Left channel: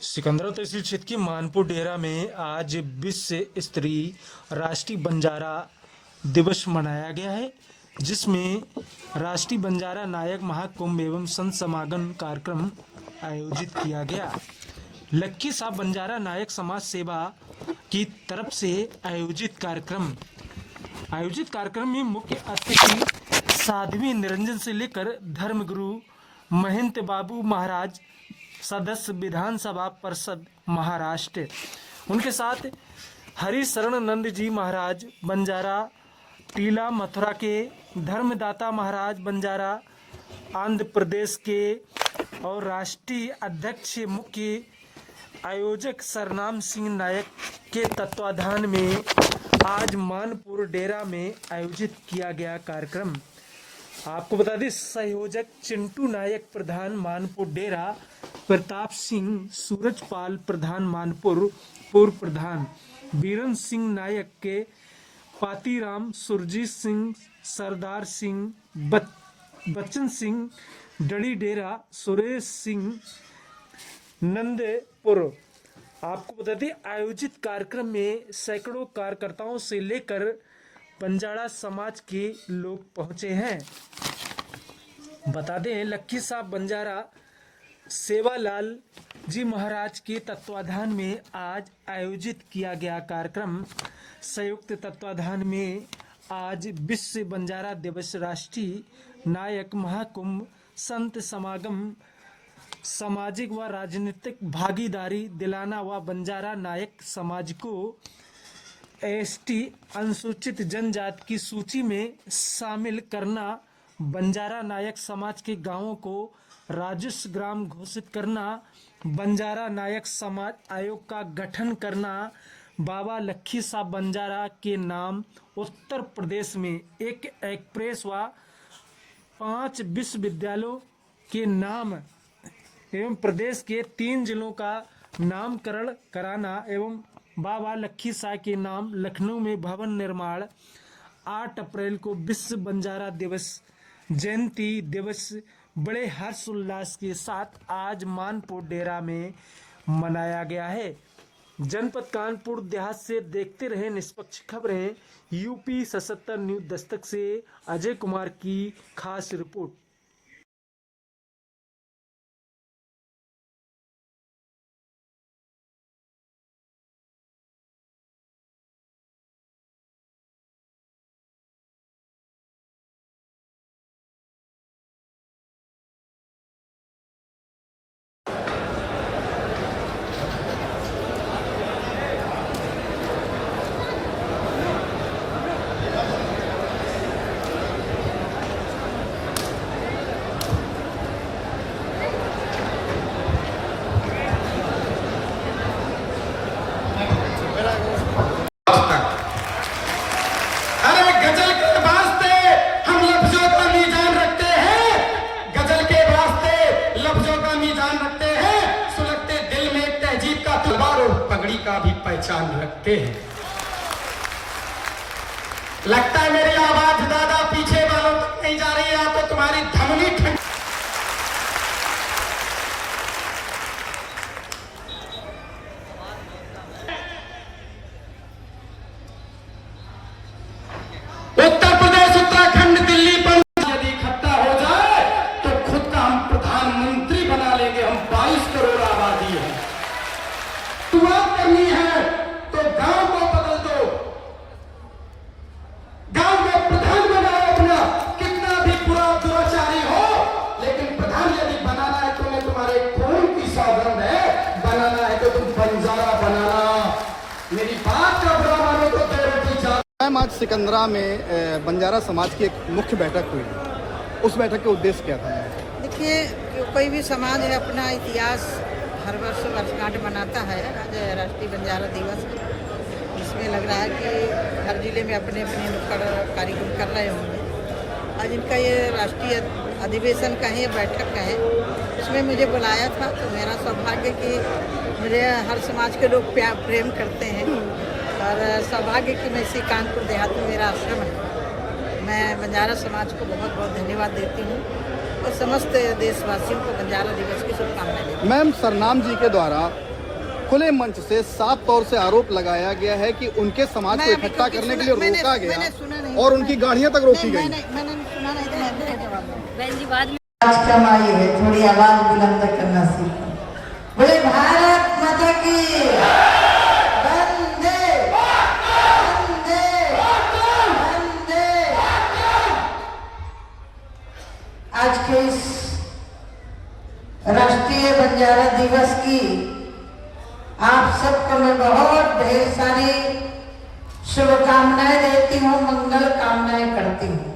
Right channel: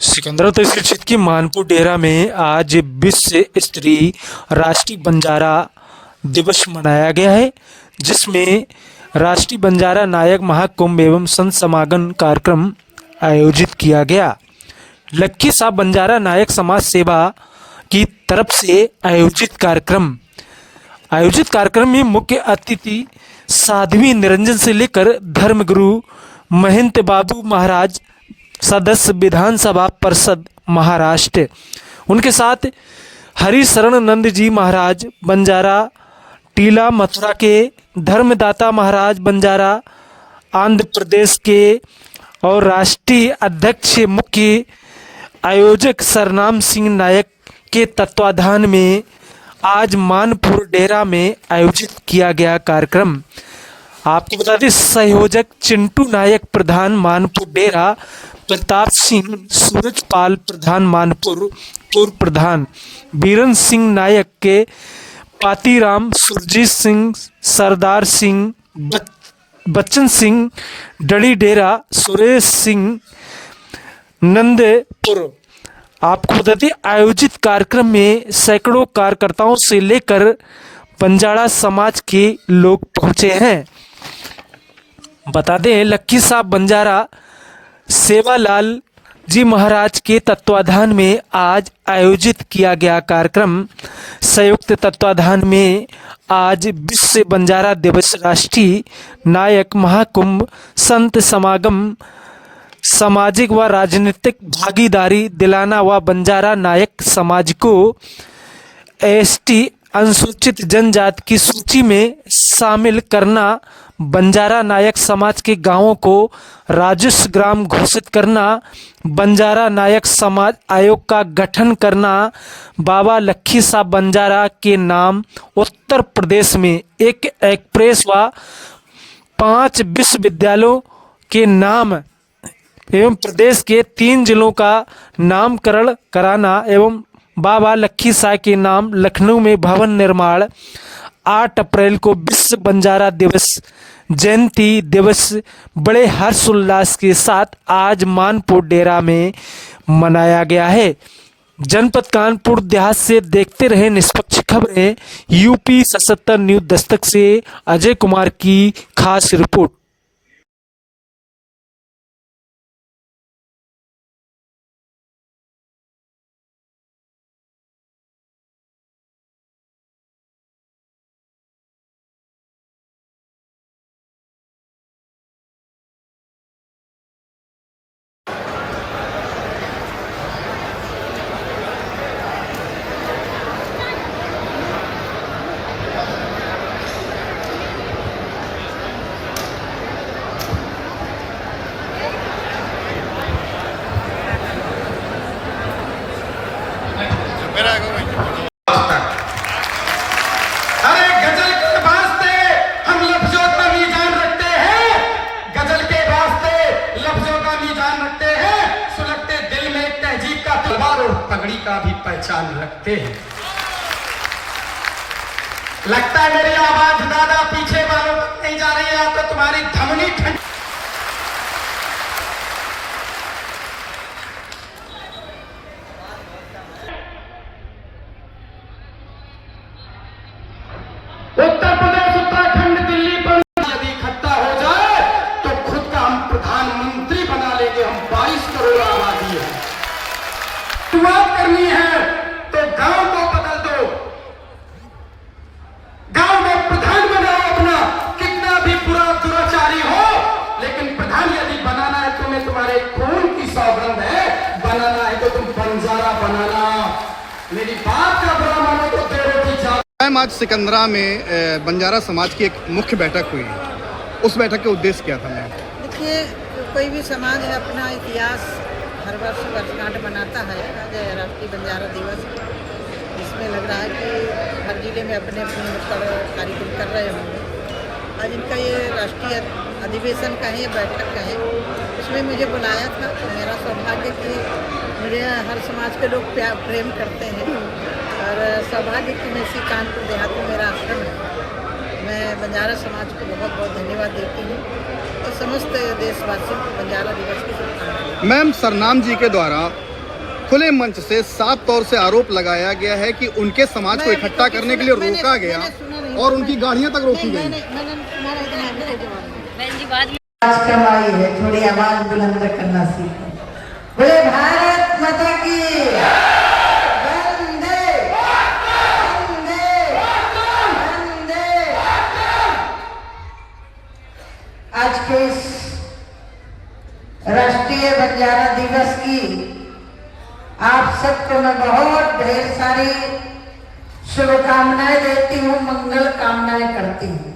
सिकंदरा तहसील क्षेत्र के मानपुर डेरा में आज विश्व स्तरीय राष्ट्रीय बंजारा दिवस मनाया गया है, जिसमें राष्ट्रीय बंजारा नायक महाकुंभ एवं संत समागम कार्यक्रम आयोजित किया गया। लक्की साहब बंजारा नायक समाज सेवा की तरफ से आयोजित कार्यक्रम में मुख्य अतिथि साध्वी निरंजन से लेकर धर्मगुरु महंत बाबू महाराज, सदस्य विधानसभा परिषद महाराष्ट्र, उनके साथ हरिशरण नंद जी महाराज बंजारा टीला मथुरा के, धर्मदाता महाराज बंजारा आंध्र प्रदेश के और राष्ट्रीय अध्यक्ष मुख्य आयोजक सरनाम सिंह नायक के तत्वाधान में आज मानपुर डेरा में आयोजित किया गया कार्यक्रम। आपको बता दें, संयोजक चिंटू नायक प्रधान मानपुर डेरा, प्रताप सिंह सूरजपाल प्रधान मानपुर पूर्व प्रधान, बीरन सिंह नायक के पातीराम, सुरजीत सिंह, सरदार सिंह, बच्चन सिंह डड़ी डेरा, सुरेश सिंह नंदपुर। आपको बता दें, आयोजित कार्यक्रम में सैकड़ों कार्यकर्ताओं से लेकर बंजारा समाज के लोग पहुंचे हैं। बता दें, लक्की साहब बंजारा सेवालाल जी महाराज के तत्वाधान में आज आयोजित किया गया कार्यक्रम संयुक्त तत्वाधान में आज विश्व बंजारा दिवस, राष्ट्रीय नायक महाकुंभ, संत समागम, सामाजिक व राजनीतिक भागीदारी दिलाना व बंजारा नायक समाज को एसटी अनुसूचित जनजाति की सूची में शामिल करना, बंजारा नायक समाज के गांवों को राजस्व ग्राम घोषित करना, बंजारा नायक समाज आयोग का गठन करना, बाबा लक्की साहब बंजारा के नाम उत्तर प्रदेश में एक एक्सप्रेस व 5 विश्वविद्यालयों के नाम एवं प्रदेश के 3 जिलों का नामकरण कराना एवं बाबा लक्की साहब के नाम लखनऊ में भवन निर्माण। 8 अप्रैल को विश्व बंजारा दिवस जयंती दिवस बड़े हर्षोल्लास के साथ आज मानपुर डेरा में मनाया गया है। जनपद कानपुर देहात से देखते रहे निष्पक्ष खबरें। यूपी 77 न्यूज दस्तक से अजय कुमार की खास रिपोर्ट। अरे गजल के वास्ते हम लफ्जों का मीज़ान रखते हैं, गजल के वास्ते लफ्जों का मीज़ान रखते हैं, सुलगते दिल में एक तहजीब का तलवार और पगड़ी का भी पहचान रखते हैं। लगता है मेरी आवाज ज्यादा पीछे वालों तक नहीं जा रही है, आपको तुम्हारी धमनी ठंडी उत्तर प्रदेश, उत्तराखंड, दिल्ली पर यदि इकट्ठा हो जाए तो खुद का हम प्रधानमंत्री बना लेंगे। हम 22 करोड़ आबादी है। शुरुआत करनी है तो गांव को बदल दो, गांव में प्रधान बनाओ अपना, कितना भी बुरा दुराचारी हो, लेकिन प्रधान यदि बनाना है तुम्हें, तुम्हारे खून की सौगंध है, बनाना है तो तुम बंजारा बनाना। मेरी बात का बुरा मानो तो दो रोटी चार। आज सिकंदरा में बंजारा समाज की एक मुख्य बैठक हुई। उस बैठक का उद्देश्य क्या था? देखिए, कोई भी समाज है अपना इतिहास हर वर्ष वर्षगांठ मनाता है। आज राष्ट्रीय बंजारा दिवस, इसमें लग रहा है कि हर जिले में अपने अपने नुक्कड़ कार्यक्रम कर रहे होंगे। आज इनका ये राष्ट्रीय अधिवेशन का है, बैठक का है, इसमें मुझे बुलाया था। तो मेरा सौभाग्य कि मुझे हर समाज के लोग प्रेम करते हैं और सौभाग्य कि मैं इसी कानपुर देहात में मेरा आश्रम है। मैं बंजारा समाज को बहुत बहुत धन्यवाद देती हूँ और समस्त देशवासियों को बंजारा दिवस की शुभकामनाएं। मैम, सरनाम जी के द्वारा खुले मंच से साफ तौर से आरोप लगाया गया है कि उनके समाज को इकट्ठा करने के लिए रोका गया और उनकी गाड़ियां तक रोकी गई। आज कमाई है, थोड़ी आवाज बुलंद करना सीखो। बोले भारत माता की वंदे वंदे वंदे। आज के इस राष्ट्रीय बंजारा दिवस की आप सबको मैं बहुत ढेर सारी शुभकामनाएं देती हूँ, मंगल कामनाएं करती हूँ।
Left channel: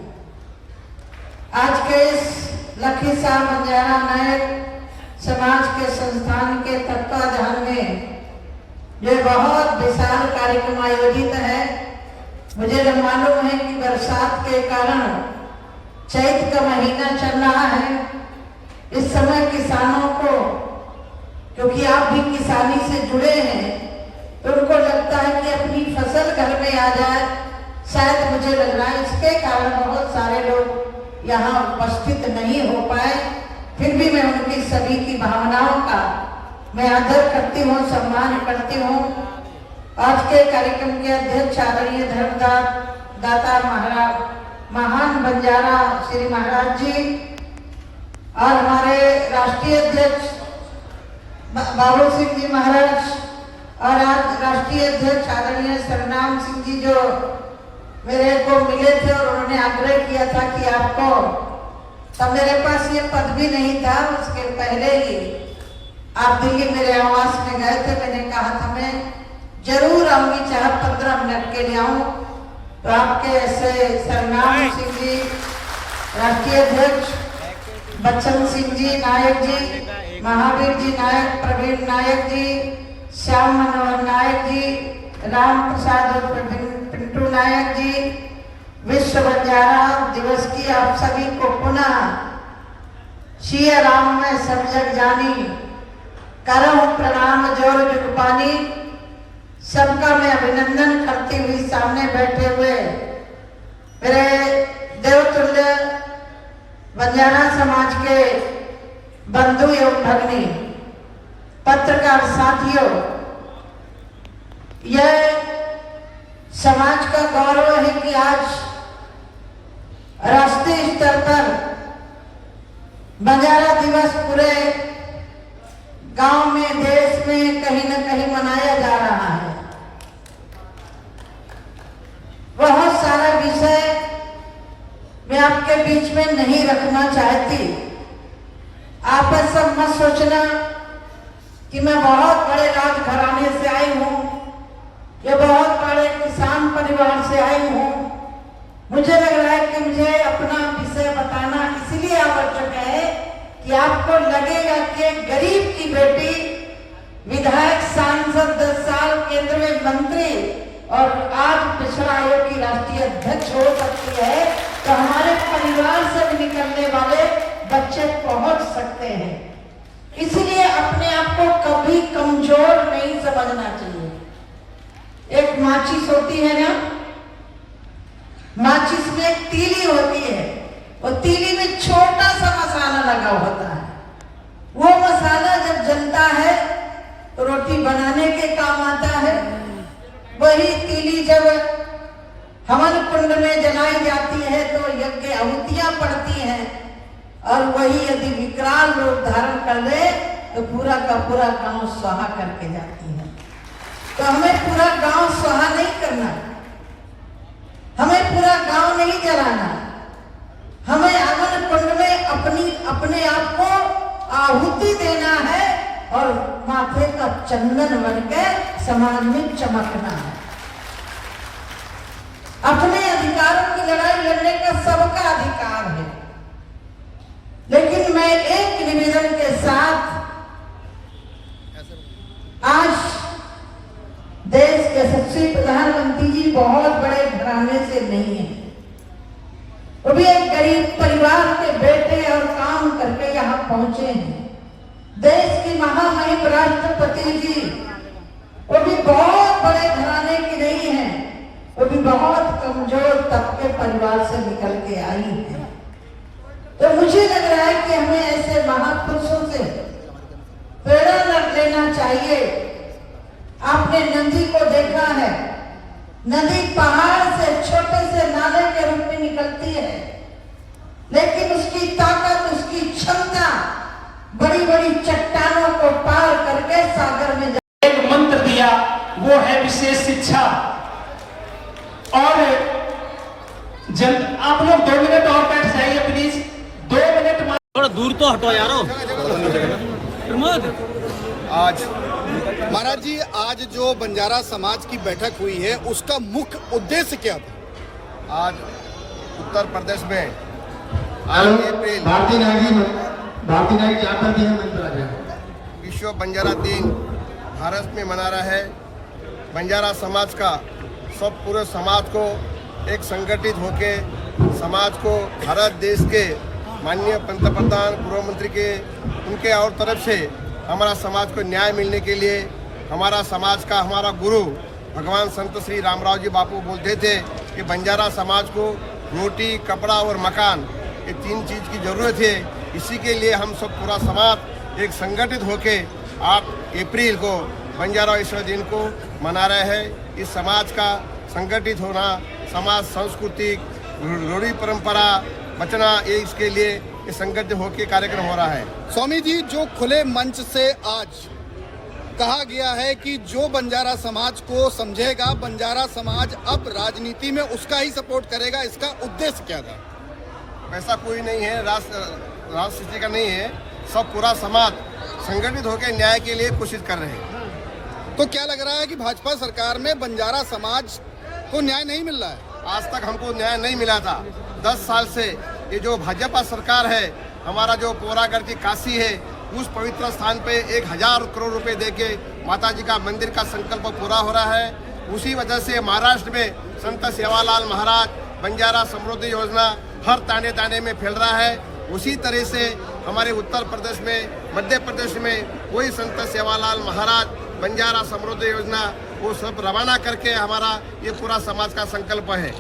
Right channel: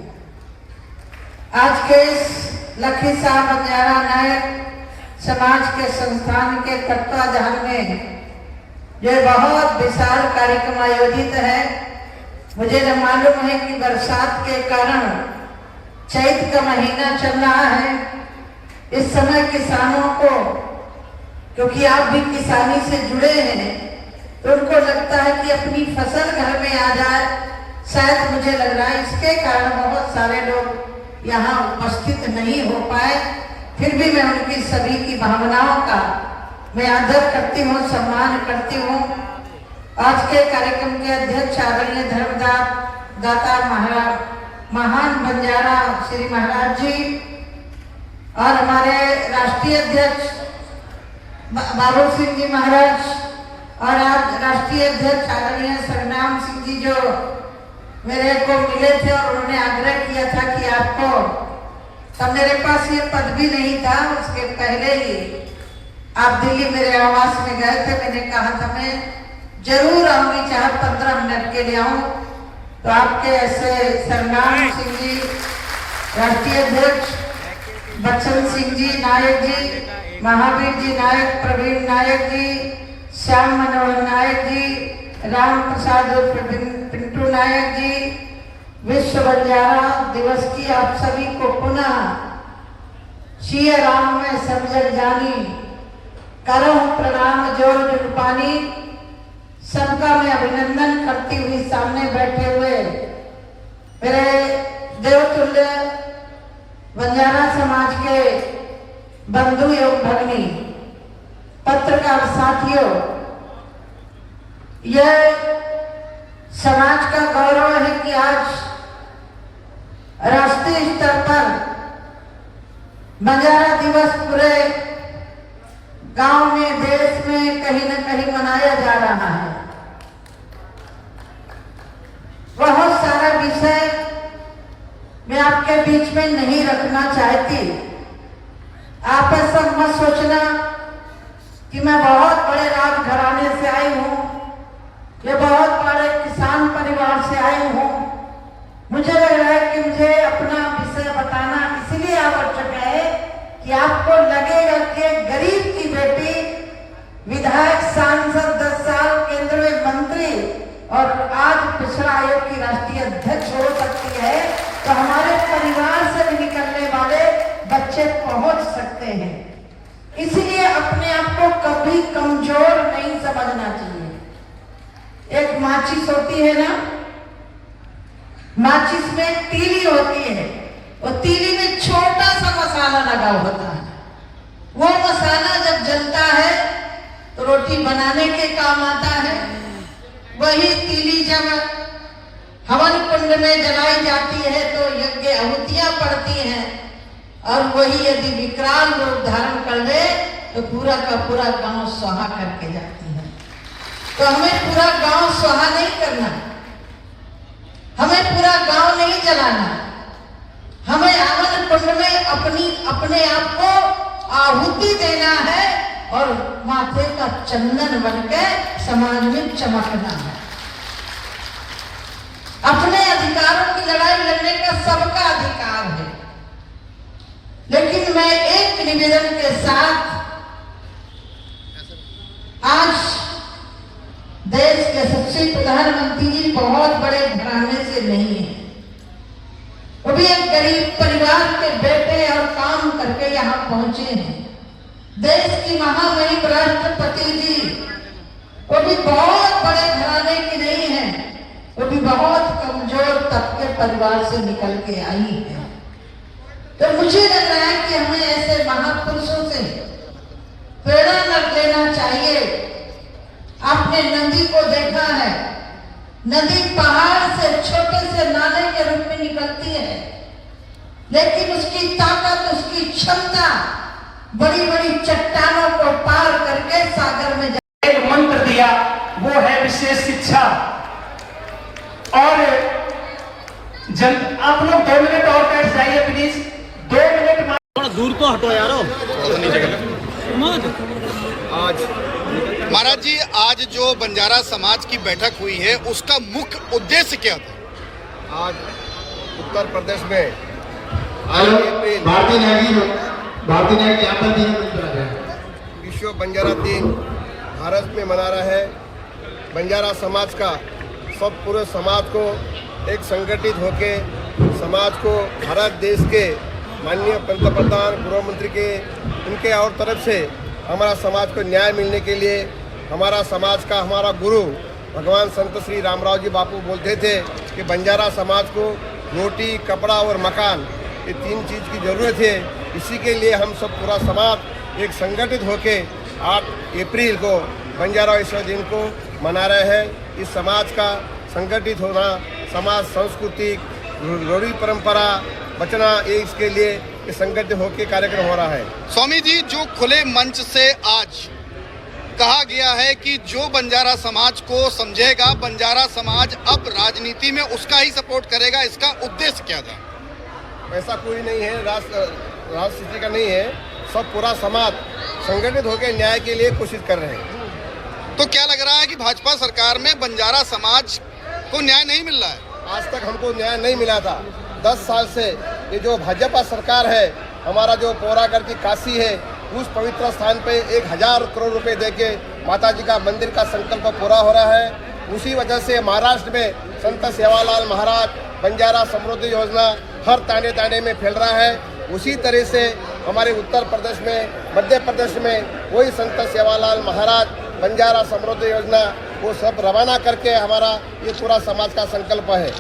आज के इस लखीसाह बंजारा नायक समाज के संस्थान के तत्वाधान में जो बहुत विशाल कार्यक्रम आयोजित है, मुझे न मालूम है कि बरसात के कारण चैत का महीना चल रहा है। इस समय किसानों को, क्योंकि आप भी किसानी से जुड़े हैं, तो उनको लगता है कि अपनी फसल घर में आ जाए, शायद मुझे लग रहा है इसके कारण बहुत सारे लोग यहाँ उपस्थित नहीं हो पाए। फिर भी मैं उनकी सभी की भावनाओं का मैं आदर करती हूँ, सम्मान करती हूँ। आज के कार्यक्रम के अध्यक्ष आदरणीय धर्मदाता महान बंजारा श्री महाराज जी और हमारे राष्ट्रीय अध्यक्ष बाबू सिंह जी महाराज और आज राष्ट्रीय अध्यक्ष आदरणीय सरनाम सिंह जी जो मेरे को मिले थे और उन्होंने आग्रह किया था कि आपको, तब मेरे पास ये पद भी नहीं था, उसके पहले ही आप दिल्ली मेरे आवास में गए थे। मैंने कहा था मैं जरूर आऊंगी, चाहे 15 मिनट के लिए आऊं। तो आपके ऐसे सरनाम सिंह जी, राष्ट्रीय अध्यक्ष बच्चन सिंह जी नायक जी, महावीर जी नायक, प्रवीण नायक जी, श्याम मनोहर नायक जी, राम प्रसाद और पिंटू नायक जी, विश्व बंजारा दिवस की आप सभी को पुनः सिया राम में सब जग जानी, करम प्रणाम जोर जुगपानी। सबका मैं अभिनंदन करती हुई सामने बैठे हुए मेरे देवतुल्य बंजारा समाज के बंधु एवं भगिनी, पत्रकार साथियों, यह समाज का गौरव है कि आज राष्ट्रीय स्तर पर बंजारा दिवस पूरे गांव में, देश में कहीं न कहीं मनाया जा रहा है। बहुत सारा विषय मैं आपके बीच में नहीं रखना चाहती। आप ऐसा मत सोचना कि मैं बहुत बड़े राजघराने से आई हूँ, ये बहुत बड़े किसान परिवार से आई हूँ। मुझे लग रहा है कि मुझे अपना विषय बताना इसलिए आवश्यक है कि आपको लगेगा कि गरीब की बेटी विधायक, सांसद, 10 साल केंद्र में मंत्री और आज पिछड़ा आयोग की राष्ट्रीय अध्यक्ष हो सकती है, तो हमारे परिवार से निकलने वाले बच्चे पहुंच सकते हैं। इसलिए अपने आप को कभी कमजोर नहीं समझना चाहिए। एक माचिस होती है ना, माचिस में तीली होती है, और तीली में छोटा सा मसाला लगा होता है। वो मसाला जब जलता है तो रोटी बनाने के काम आता है। वही तीली जब हवन कुंड में जलाई जाती है तो यज्ञ आहुतियां पड़ती हैं, और वही यदि विकराल रूप धारण कर ले तो पूरा का पूरा गांव स्वाहा करके जाती है। तो हमें पूरा गांव स्वाहा नहीं करना, हमें पूरा गांव नहीं जलाना, हमें हवन कुंड में अपने आप को आहुति देना है और माथे का चंदन बनके समाज में चमकना है। अपने अधिकारों की लड़ाई लड़ने का सबका अधिकार है, लेकिन मैं एक निवेदन के साथ आज देश के सबसे प्रधानमंत्री जी बहुत बड़े घराने से नहीं है, वो भी एक गरीब परिवार के बेटे और काम करके यहाँ पहुंचे हैं। देश की महामहिम राष्ट्रपति जी वो भी बहुत बड़े घराने की नहीं है, वो भी बहुत कमजोर तबके परिवार से निकल के आई है। तो मुझे लग रहा है कि हमें ऐसे महापुरुषों से प्रेरणा लेना चाहिए आपने नदी को देखा है, नदी पहाड़ से छोटे से नाले के रूप में निकलती है, लेकिन उसकी ताकत, उसकी क्षमता बड़ी बड़ी चट्टानों को पार करके सागर में एक मंत्र दिया, वो है विशेष शिक्षा। और आप लोग 2 मिनट और बैठ जाइए प्लीज, 2 मिनट। थोड़ा दूर तो हटो यारो। आज महाराज जी, आज जो बंजारा समाज की बैठक हुई है उसका मुख्य उद्देश्य क्या था? आज उत्तर प्रदेश में भारतीय नागरिक आपका दिन विश्व बंजारा दिन भारत में मना रहा है। बंजारा समाज का सब पूरे समाज को एक संगठित होके समाज को भारत देश के माननीय पंतप्रधान, पूर्व मंत्री के उनके और तरफ से हमारा समाज को न्याय मिलने के लिए हमारा समाज का हमारा गुरु भगवान संत श्री रामराव जी बापू बोलते थे कि बंजारा समाज को रोटी, कपड़ा और मकान, ये 3 चीज़ की ज़रूरत है। इसी के लिए हम सब पूरा समाज एक संगठित होके 8 अप्रैल को बंजारा विश्व दिन को मना रहे हैं। इस समाज का संगठित होना, समाज सांस्कृतिक रूढ़ी परंपरा बचना, ये इसके लिए इस संगठित होकर कार्यक्रम हो रहा है। स्वामी जी, जो खुले मंच से आज कहा गया है कि जो बंजारा समाज को समझेगा, बंजारा समाज अब राजनीति में उसका ही सपोर्ट करेगा, इसका उद्देश्य क्या था? ऐसा कोई नहीं है, राजनीति का नहीं है, सब पूरा समाज संगठित होकर न्याय के लिए कोशिश कर रहे हैं। तो क्या लग रहा है कि भाजपा सरकार में बंजारा समाज को न्याय नहीं मिल रहा है? आज तक हमको न्याय नहीं मिला था। 10 साल से ये जो भाजपा सरकार है, हमारा जो पौरागढ़ की काशी है, उस पवित्र स्थान पे 1000 करोड़ रुपए देके माता जी का मंदिर का संकल्प पूरा हो रहा है। उसी वजह से महाराष्ट्र में संत सेवालाल महाराज बंजारा समृद्धि योजना हर ताने ताने में फैल रहा है। उसी तरह से हमारे उत्तर प्रदेश में, मध्य प्रदेश में वही संत सेवालाल महाराज बंजारा समृद्धि योजना वो सब रवाना करके हमारा ये पूरा समाज का संकल्प है।